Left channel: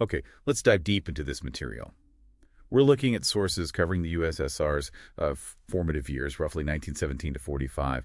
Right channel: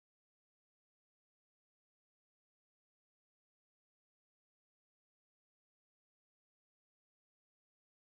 Okay, let's dive deep into this material. We're looking at sources covering the USSR's formative years, roughly 1917 to 45.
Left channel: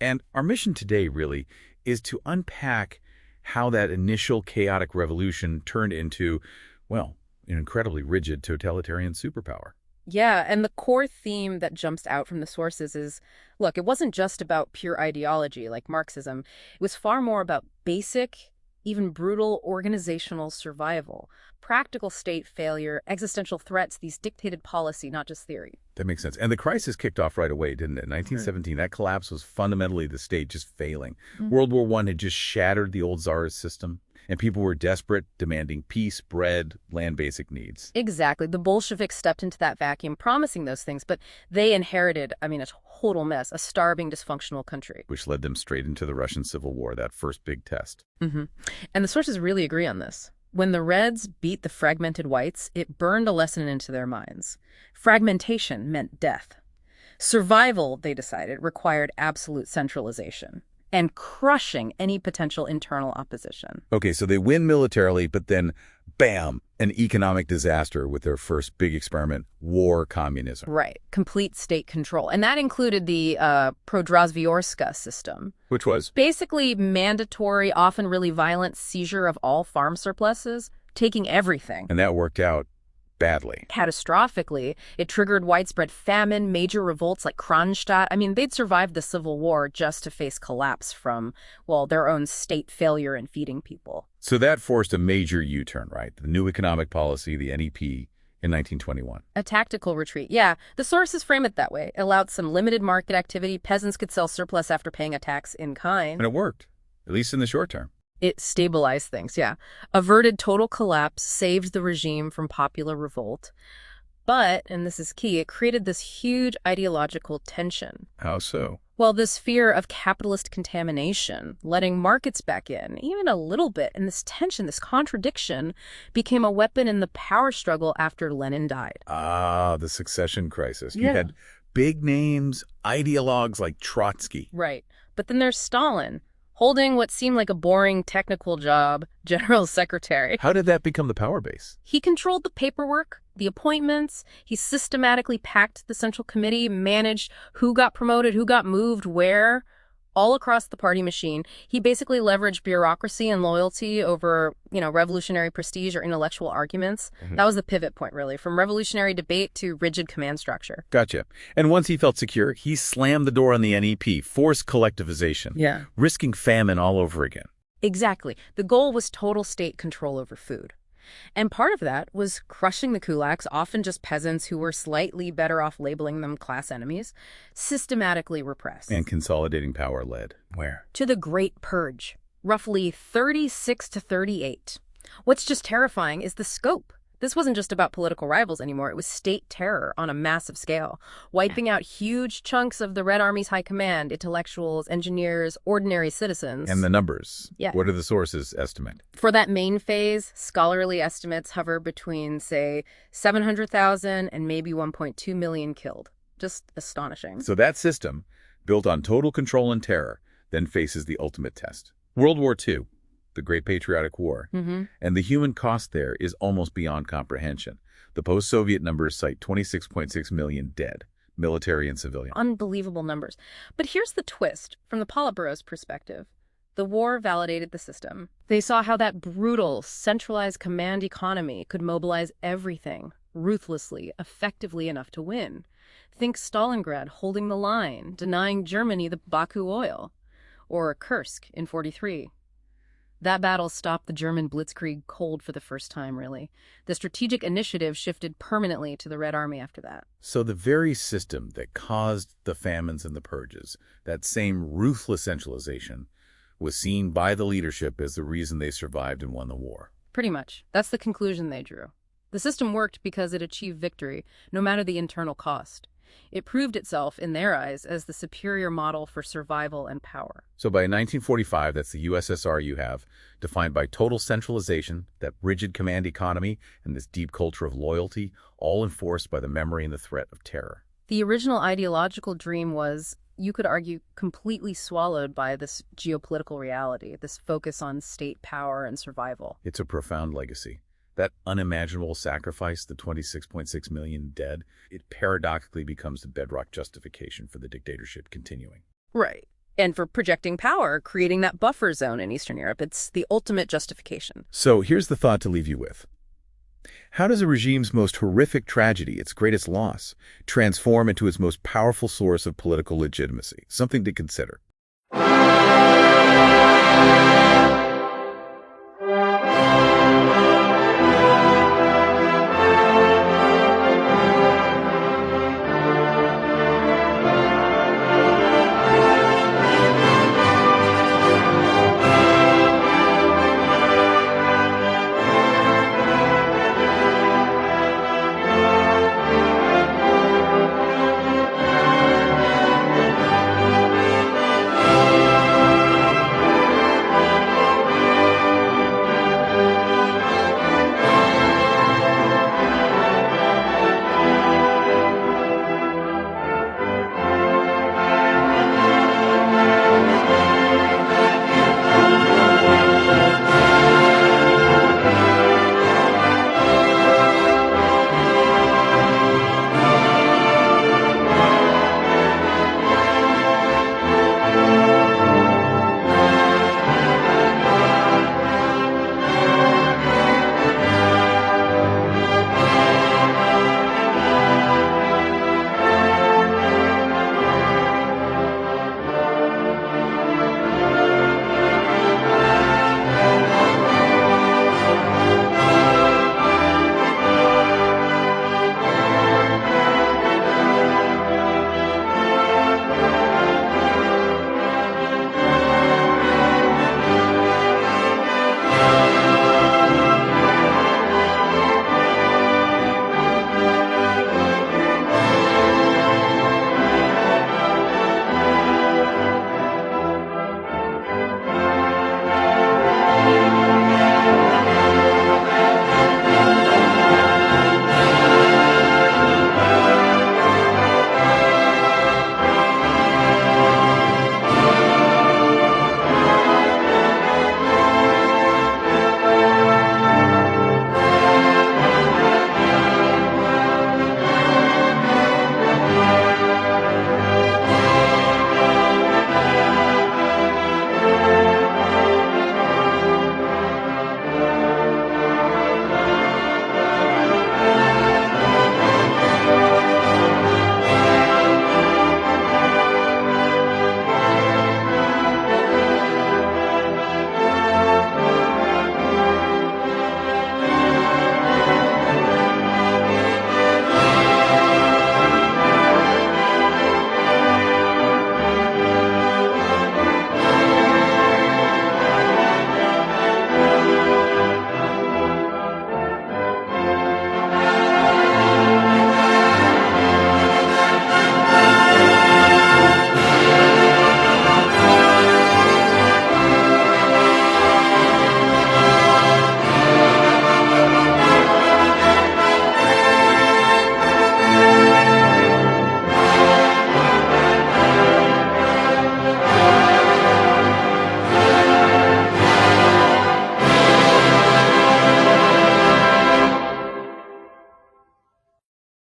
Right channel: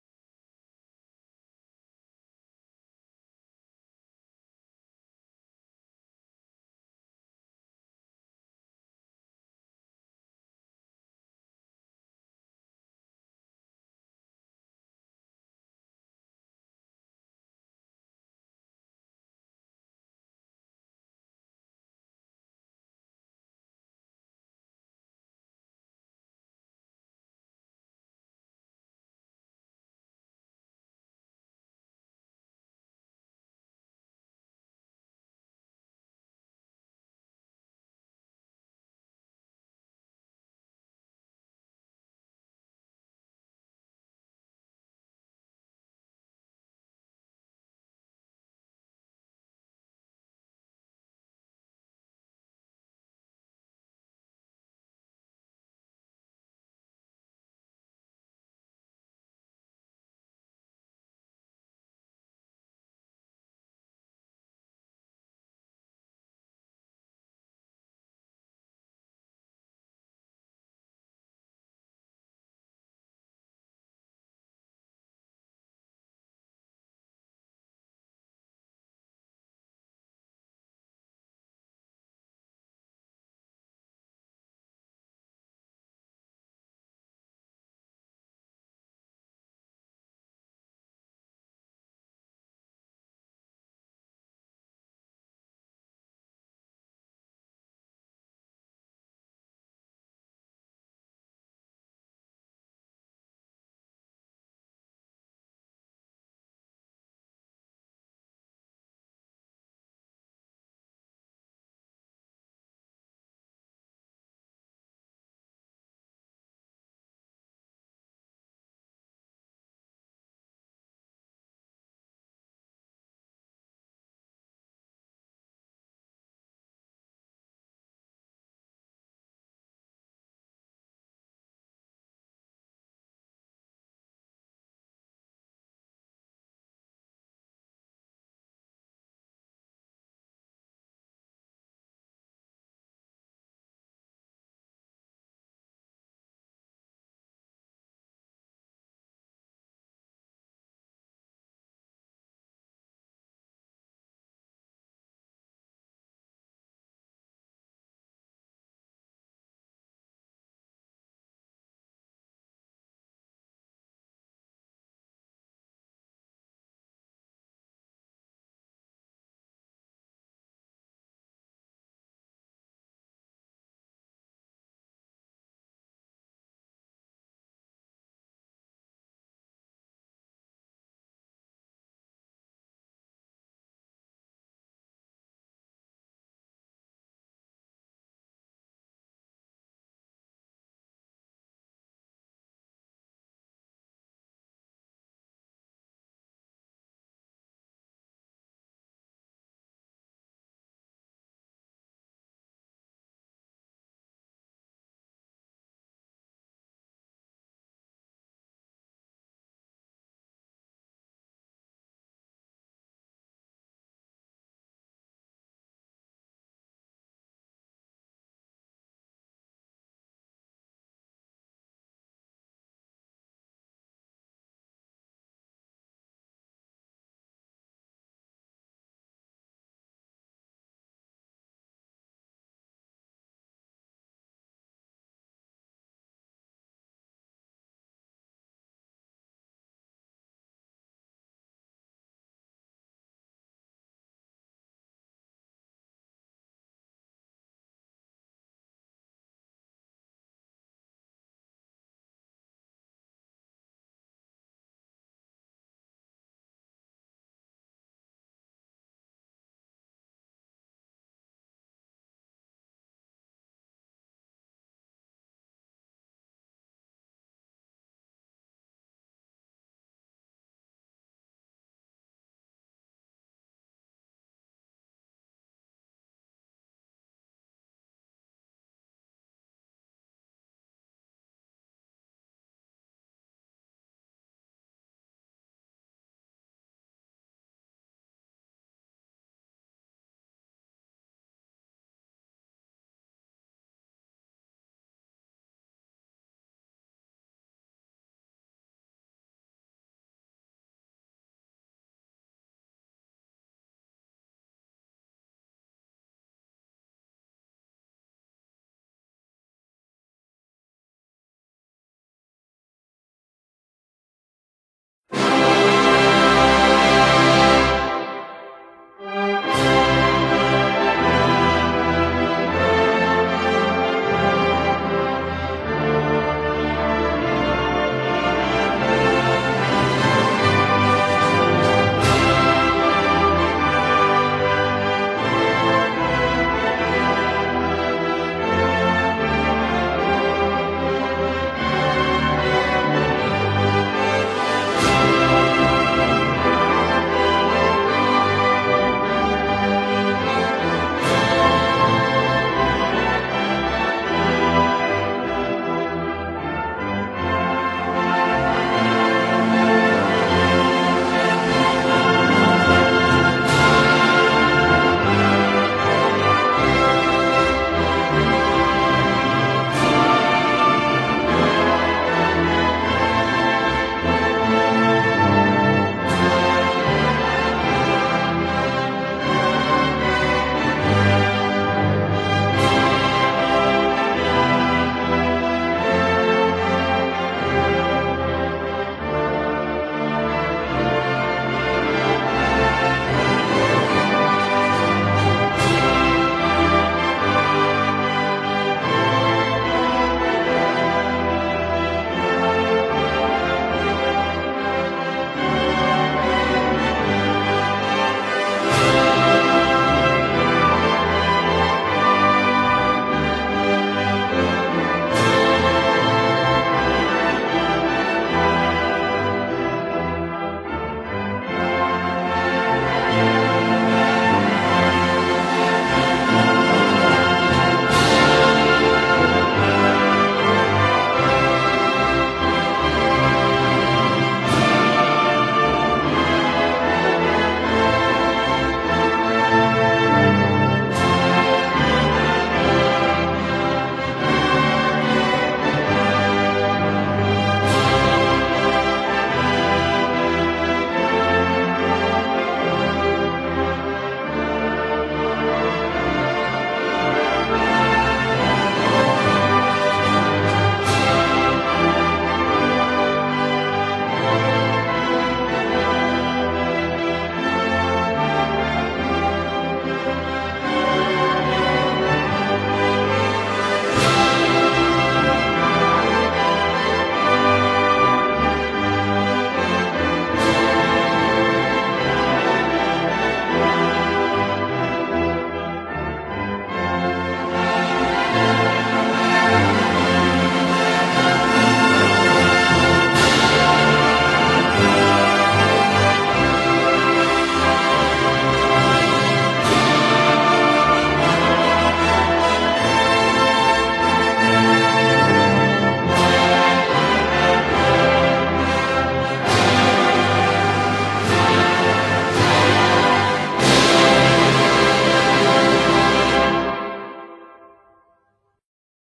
And our mission today, really, is to unpack how that initial chaotic revolution turned into, well, an incredibly rigid totalitarian superpower. Yeah, and the core theme that jumps out from the sources is, look, it wasn't just about pure ideology like Marxism. It was far more about basic, even brutal organizational survival, practical state failure, existential threats, these dictated policy, not just theory. That makes sense. And the crisis kicked off right away, didn't it? In Right. 1917, that collapse was fundamentally the state just failing. Mm. World War I had just shattered the old Tsarist system, and people were desperate, demanding peace, bread, land basic needs. Exactly. The Bolsheviks stepped into that vacuum promising those things, but they inherited, a total mess, a starving, dysfunctional country. Which led them straight into the Russian Civil War, that first big test. hmm And the sources really agree on this. When the Reds beat the fragmented whites, it burned a lesson into their minds. Fragmentation meant death. Survival, they decided, required absolute centralization and crushing any potential internal opposition. Okay, so they win militarily, but then, bam, an economic disaster with their first big experiment, war communism. Right, complete state control. And that included the Prodrazvyorska system. Which was? Basically mandatory, often really violent seizure of all farm surpluses, taking everything. And that worked out badly. Catastrophically, it triggered widespread famine, major revolts like Kronstadt. They'd survived the Civil War just to face collapse from, well, their own state failure in feeding people. So that forced a major U-turn, right? The new economic policy, the NEP, in 1921. A tactical retreat. Yeah, the sources frame it that way. It allowed some limited market activity. Peasants could sell surplus after paying a tax in kind. And it worked, at least in the short term. It stabilized things, yeah. Averted total collapse, saved the regime from popular revolt. But, and this is key, it created this huge ideological tension. How so? Well, this fear of capitalist contamination, letting markets back in, even a little bit, and this tension, this contradiction, became a weapon in the power struggle after Lenin died. Ah, the succession crisis. You Yeah. had big names, ideologues like Trotsky. Right. But then there's Stalin, holding what seemed like a boring technical job, general secretary. How did that become the power base? He controlled the paperwork, the appointments. He systematically packed the Central Committee, managed who got promoted, who got moved, where, all across the party machine. He basically leveraged bureaucracy and loyalty over, revolutionary prestige or intellectual arguments. Mhm. That was the pivot point, really, from revolutionary debate to rigid command structure. Gotcha. And once he felt secure, he slammed the door on the NEP, forced collectivization, Yeah. risking famine all over again. Exactly. The goal was total state control over food. And part of that was crushing the kulaks, often just peasants who were slightly better off labeling them class enemies, systematically repressed. And consolidating power led. Where? To the Great Purge, roughly 36 to 38. What's just terrifying is the scope. This wasn't just about political rivals anymore. It was state terror on a massive scale, wiping out huge chunks of the Red Army's high command, intellectuals, engineers, ordinary citizens. And the numbers. Yeah. What do the sources estimate? For that main phase, scholarly estimates hover between, say, 700,000 and maybe 1.2 million killed. Just astonishing. So that system, built on total control and terror, then faces the ultimate test. World War II, the Great Patriotic War, and the human cost there is almost beyond comprehension. The post-Soviet numbers cite 26.6 million dead, military and civilian. Unbelievable numbers. But here's the twist from the Politburo's perspective. The war validated the system. They saw how that brutal, centralized command economy could mobilize everything, ruthlessly, effectively enough to win. Think Stalingrad holding the line, denying Germany the Baku oil. Or Kursk in 43. That battle stopped the German blitzkrieg cold for the first time, really. The strategic initiative shifted permanently to the Red Army after that. So the very system that caused the famines and the purges, that same ruthless centralization, was seen by the leadership as the reason they survived and won the war. Pretty much. That's the conclusion they drew. The system worked because it achieved victory, no matter the internal cost. It proved itself, in their eyes, as the superior model for survival and power. So by 1945, that's the USSR you have, defined by total centralization, that rigid command economy, and this deep culture of loyalty, all enforced by the memory and the threat of terror. The original ideological dream was, you could argue, completely swallowed by this geopolitical reality, this focus on state power and survival. It's a profound legacy. That unimaginable sacrifice, the 26.6 million dead, it paradoxically becomes the bedrock justification for the dictatorship continuing. Right. And for projecting power, creating that buffer zone in Eastern Europe, it's the ultimate justification. So here's the thought to leave you with. How does a regime's most horrific tragedy, its greatest loss, transform into its most powerful source of political legitimacy? Something to consider.